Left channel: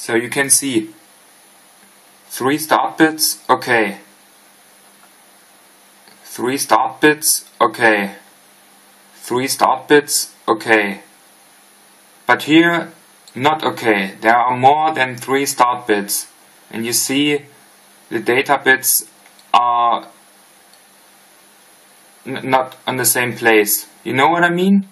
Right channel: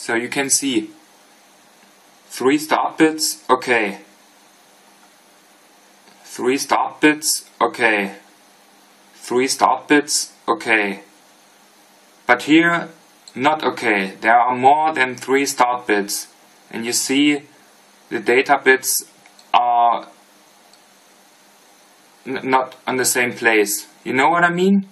So you can see 3 start bits, okay. 3 start bits, okay. 3 start bits, okay. But here, not okay. There are more than 3 start bits. And you see the data bits are not on the same place. You know what I mean?